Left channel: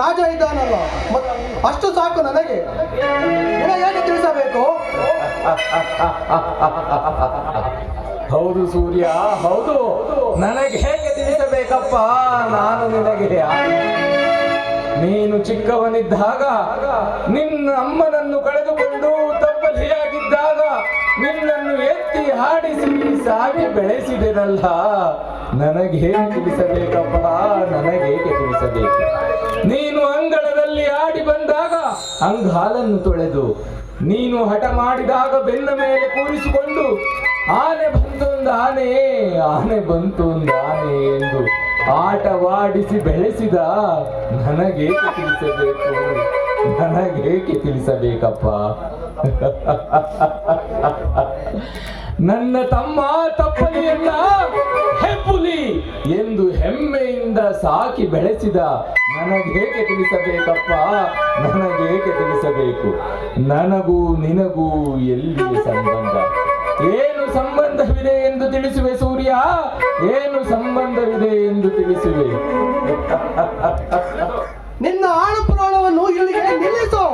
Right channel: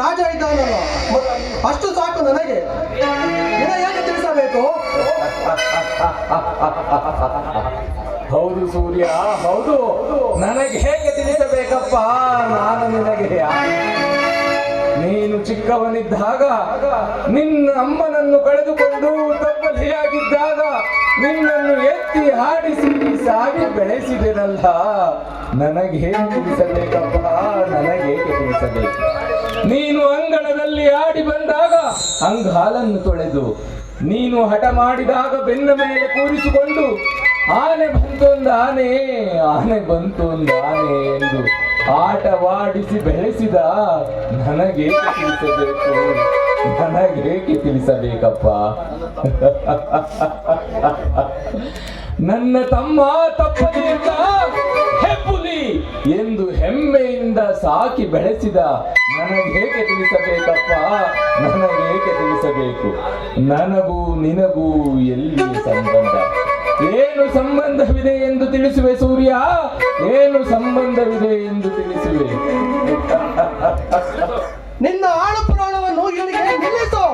ರಾಜ ಇದ್ದಾನಲ್ಲ, ಅಷ್ಟು ಸಾಕು ನನಗೆ. ಏನು ತಿಳಿಸಬೇಕು? ಹೌದು ಸೂರ್ಯ, ಹೌದು. ನನಗೆ ಹೇಗೆ ತಿಳಿಸಬೇಕಪ್ಪ ನಾನು ನಿನಗೆ? ನೀನು ಚಿಕ್ಕವನಿದ್ದಾಗ ನಿನ್ನ ಅಮ್ಮನನ್ನು ಕಳೆದುಕೊಂಡು ತಬ್ಬಲಿಯಾಗಿದ್ದಾಗ ನಿನ್ನನ್ನು ಎತ್ತಿ ಹಾಡಿಸಿ ಸಾಗಿ ಬೆಳೆಸಿದೆನಲ್ಲ. ನನಗೆ ಹೇಗೆ ತಿಳಿಸಬೇಕಪ್ಪ, ನನಗೇಕೆ ತಿಳಿಸಬೇಕು? ನೀನು ಅಂಗಳದಲ್ಲಿ ಆಡಿ ಬಂದಾಗ ಅಂಗಾಲನ್ನು ತೊಳೆದು, ನೀನು ಹಠ ಮಾಡಿದಾಗ ಬೆನ್ನ ಮೇಲೆ ಕೂರಿಸಿಕೊಂಡು ಆನೆ ಬಂತೊಂದು ಆನೆ, ಆನೆ ಬಂತು ಒಂದು ಆನೆ ಎಂದು ಆಟವಾಡಿಸಿ ಬೆಳೆಸಿದ ನನಗೇಕೆ ತಿಳಿಸಬೇಕು? ನನಗೇಕೆ ತಿಳಿಸಬೇಕಪ್ಪ? ನನ್ನ ತಮ್ಮ ತಪ್ಪಲಿಯಲ್ಲ ಹೆಪ್ಪುಲಿ ಎಂದು ಹೆಮ್ಮೆಯಿಂದ ಸಾಕಿ ಬೆಳೆಸಿದ ನನಗೇಕೆ ತಿಳಿಸಬೇಕಪ್ಪ? ನನಗೇಕೆ ತಿಳಿಸಬೇಕು? ನನಗೂ ನಿನಗೂ ಎಲ್ಲಿಯ ಸಂಬಂಧ? ಏನು ಸಂಬಂಧವಿದೆ ಎಂದು ತಿಳಿಸುವೆ ಸೂರ್ಯ? ಏನು ಸಂಬಂಧವಿದೆ ಎಂದು ತಿಳಿಸುವೆ? ನಿನ್ನ ಆಳು ಪುರಾಣವನ್ನು ಇಲ್ಲಿಗೆ ನಿಲ್ಲಿಸು.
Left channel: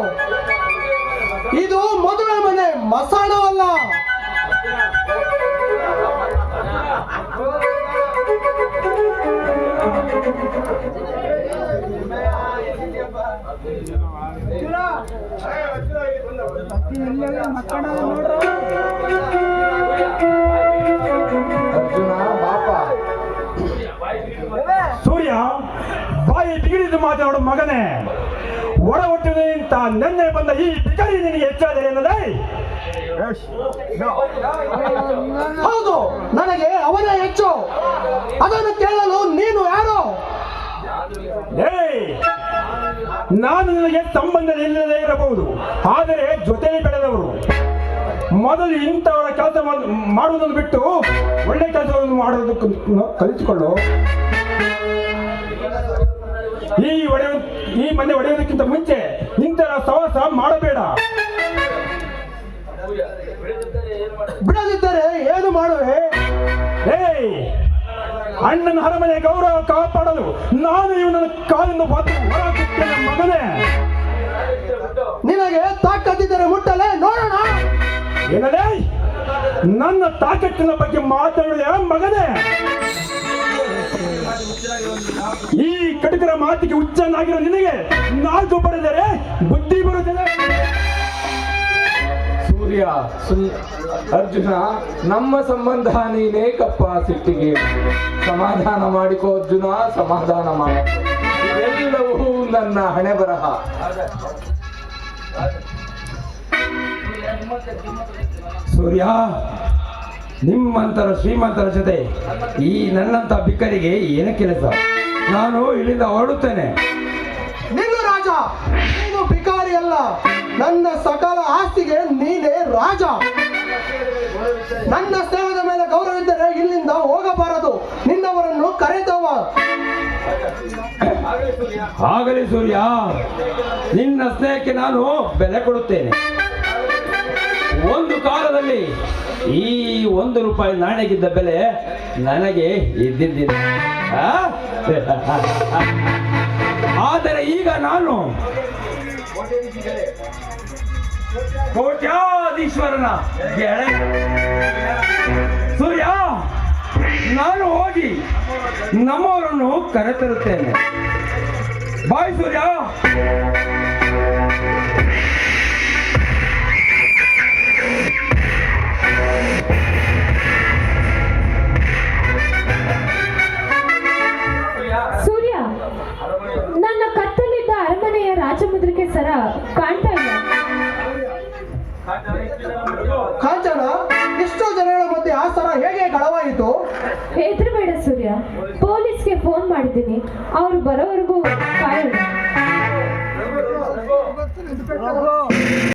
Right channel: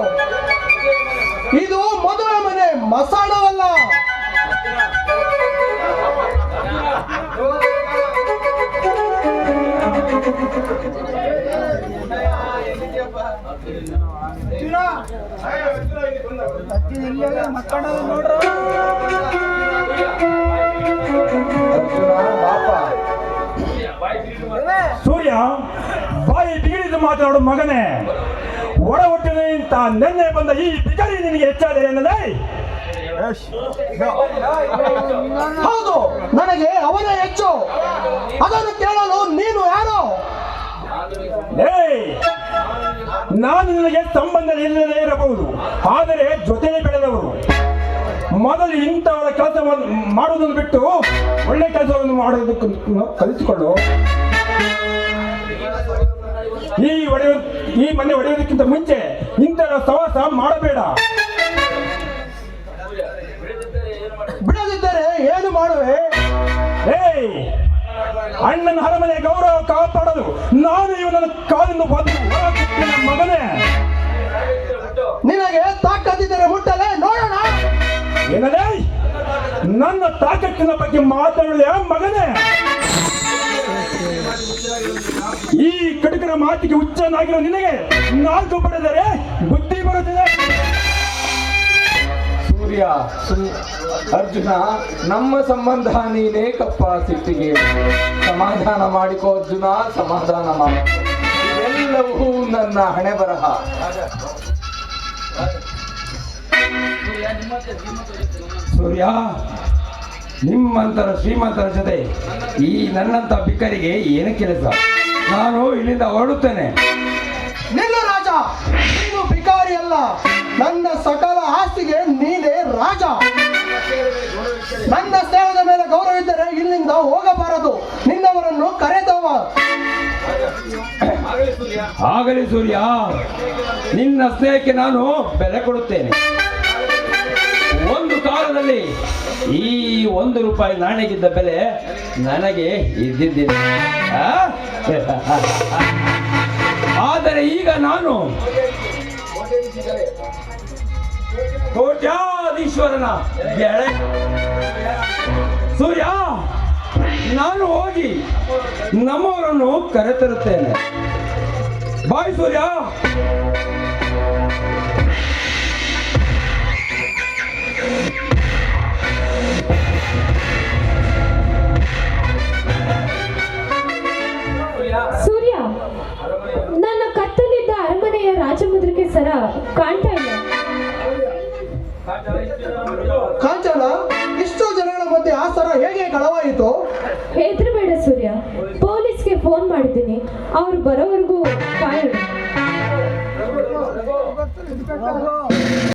ಇದು ಮದುವೆ ಮನೆ, ಮಸಾಣವಲ್ಲ. ಸೂರ್ಯ, ಬಾಯಿ ಬಿಗಿಡಿದು ಮಾತನಾಡು ಮಗನೇ. ಒಳ ಹುಟ್ಟಿದೆ ಅಂತ ನೆನ್ನೆ ಬಂದ ಈ ಬಿಕಾರಿ ನಿನಗೆ ಹೆಚ್ಚಾದ ಎನ್ನಲೇ? ಹೌದು, ನನಗೆ ಅವನೇ ಹೆಚ್ಚು. ಅದನ್ನು ಕೇಳಲು ನೀನು ಯಾರು? ನಾನು ನನಗೆ ಸಂಬಂಧ ಇಲ್ಲದೇ ಇರಬಹುದು, ಆದರೆ ಜೊತೆ ಬೆಳೆದವರು. ಮೊದಲು ಇಂಥವರ ಕೆಲಸ ಮಾಡುವುದನ್ನು ಬಿಟ್ಟು ಒಳ್ಳೆ ಕೆಲಸವನ್ನು ಮಾಡುವುದಕ್ಕೆ ಕಲಿತುಕೊಳ್ಳು. ಈ ಮನೆ ಒಡೆಯೋದಕ್ಕಿಂತ ಮುಂಚೆ ಇಂಥವರ ಸವಾಸ ಮಾಡಬೇಡ. ಬಿಡದಿದ್ದರೆ ಏನು ಮಾಡುವೆ? ಅಣ್ಣನ ಅರಮನೆ ಗೌರವ ಕಾಪಾಡಲು ನಾನು ಇವನ ಕಾಲಿಂದ ಮಗನೇ. ನಿನಗೆ ತಾಕತ್ತಿದ್ದರೆ ಮುಟ್ಟಲೇ ನೋಡೋಣ. ಏನಲೇ ನನ್ನ ತಾಕತ್ತಿನ ಬಗ್ಗೆ ಮಾತಾಡಲೇ ಮಗನೇ? ಈ ಕಟಕರ ಮಾತಿಗೆ ಹುಚ್ಚನಾಗಿರೋ ನಿನಗೆ ನಾಲ್ಕು ಬರೆದರೆ ಬುದ್ಧಿ ಬರುತ್ತದೆ. ಸೂರ್ಯ, ಅರ್ಜುನ, ನಮ್ಮ ಸಂಬಂಧ ನೀನೇಕಪ್ಪ ಸಿಟ್ಟಿಗೆ? ಸಮಾಧಾನ ಮಾಡಿಕೋ ಅರ್ಜುನ, ಸಮಾಧಾನ ಮಾಡ. ಎಲ್ಲವೂ ನನ್ನ ಹಣೆ ಬರಹ. ಸೂರ್ಯ, ನಿಮ್ಮಂತರ ಶ್ರೀಮಂತರ ಜೊತೆ ಈ ನನ್ನಂತ ಬಿಕ್ಕರಿಗೆ ಏನು ಕೆಲಸ? ನಾನು ಇಲ್ಲಿಂದ ಹೊರಡುತ್ತೇನೆ. ನಿನ್ನ ರಾಜ, ನೀನು ಭಿಕಾರಿ ಅಲ್ಲ. ನನ್ನ ಸಕಲ ಆಸ್ತಿಗೆ ನೀನೇ ರಾಜ. ನನ್ನ ಸೇವದ ಮೇಲೆ ಗೌರವ ಇದ್ದರೆ ಇಲ್ಲಿಂದ ಹೋಗಬಾರದು. ನಿನ್ನವರನ್ನು ಕರೆದವ. ಆಗಲಿ ಸೂರ್ಯ, ನಿನ್ನ ಸ್ನೇಹಕ್ಕೆ ನಾನು ಬೆಲೆ ಕೊಡುತ್ತೇನೆ. ಒಂದು ಕಾಲದಲ್ಲಿ ಈ 1 ರೂಪಾಯಿ ನಾಣ್ಯಕ್ಕಿದ್ದ ಬೆಲೆ ನನಗೆ ಇದ್ದಿದ್ದಿಲ್ಲ. ಆದರೆ ಈಗ ನಾನು ಕೋಟ್ಯಾಧೀಶ್ವರನ ಗೆಳೆಯ. ಸೂರ್ಯ, ನಾನು ಹೋಗಿ ನಮ್ಮವರನ್ನು ಕರೆತರುತ್ತೇನೆ. ಬಾಯ್ ಸೂರ್ಯ. ಸೂರ್ಯ, ನನ್ನ ಕತ್ತಲಿದ್ದ ಅರಮನೆಯ ರಾಜಮುದ್ರಿಕೆ ಸರ ಕಾಣ್ತಾ ಇಲ್ಲ. ಕಾಂಚನ, ಇಷ್ಟು ಜನಗಳ ಮಧ್ಯೆ ಆ ಸರ ಹೇಗೆ ಕಳವಾಯಿತು? ಹೆದರಬೇಡ ಸೂರ್ಯ, ಪೊಲೀಸ್ಗೆ ಫೋನ್ ಮಾಡಿದ್ದೀನಿ. ಅವರು ಬರೋವರೆಗೂ ಕಾಯೋಣ.